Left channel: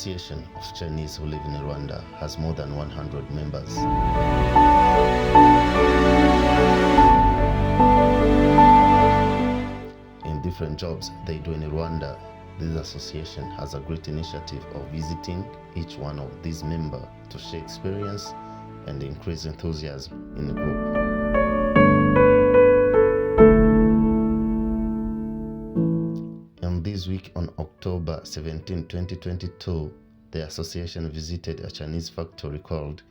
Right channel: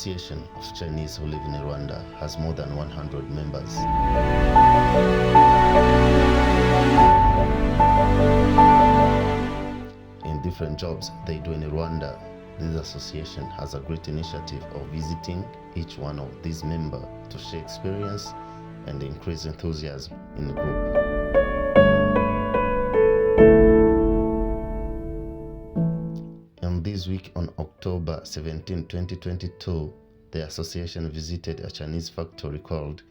Association of Chinese who live in Rwanda has more than 100 members. In different jobs they do in Rwanda, this association has a great initiative of visiting each one of these members to share experience and increase enthusiasm in the group. And this week on October 17, 2022, the association visited a Chinese factory called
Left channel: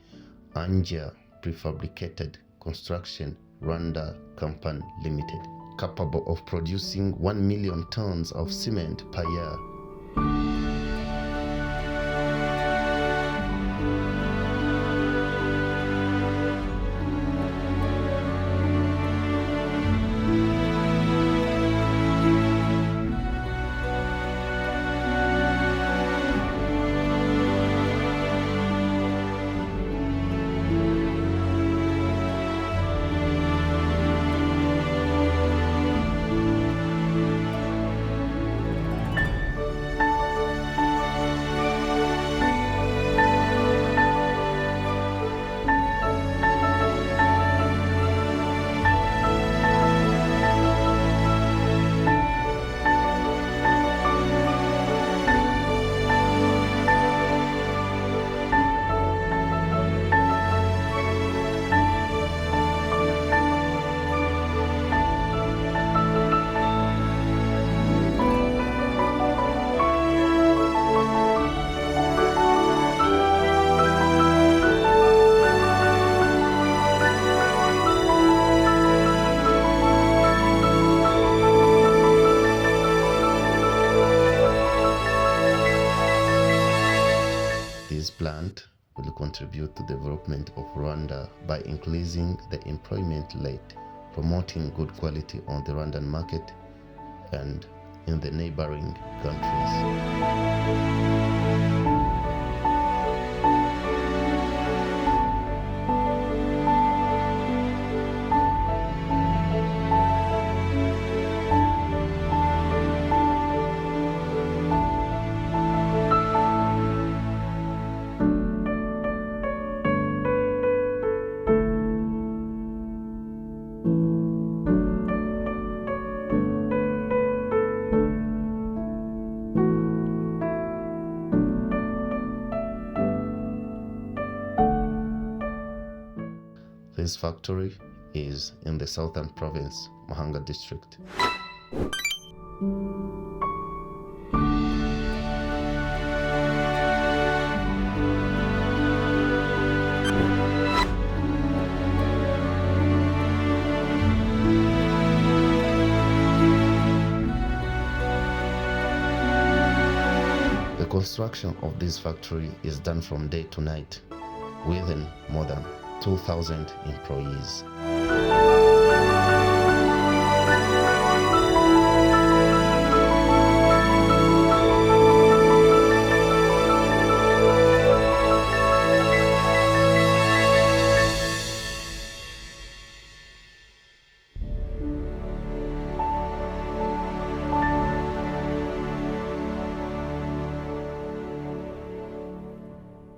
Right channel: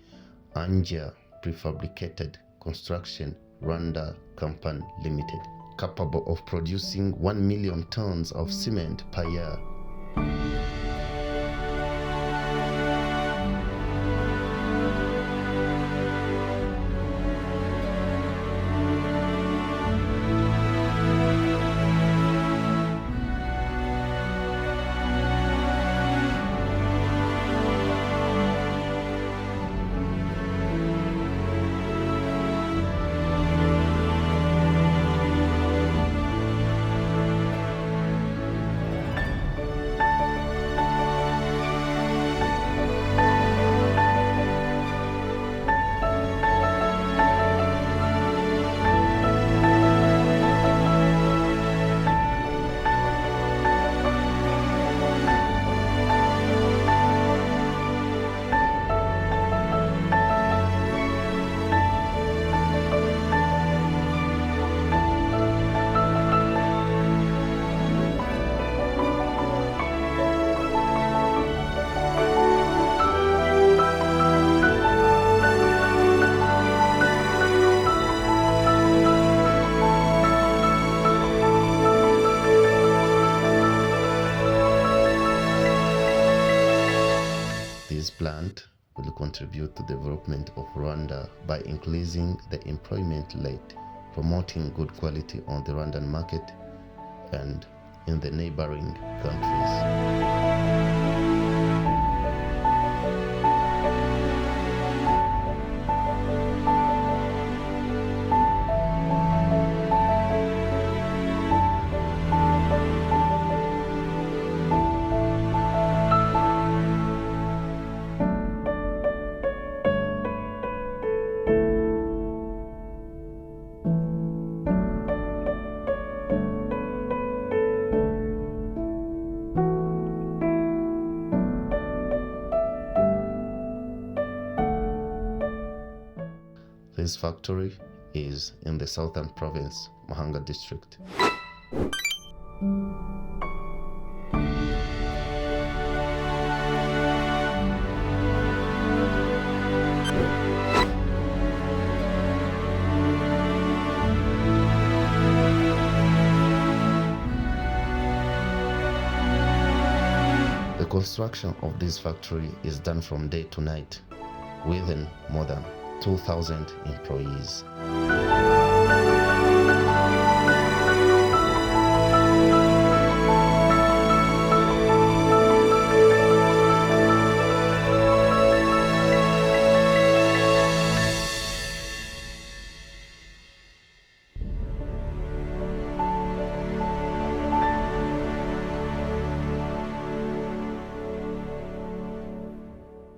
Anjia Prefabricated Construction Rwanda Company Limited, capable of producing 1 million tons of cement per year. This plant will contribute to the development of Rwanda by increasing the employment rate, promoting good quality on the Rwandan market and in the neighboring countries. This factory is in the southern province, Muhanga district. The construction of this factory is done from day to night, within more than 2,000 employees.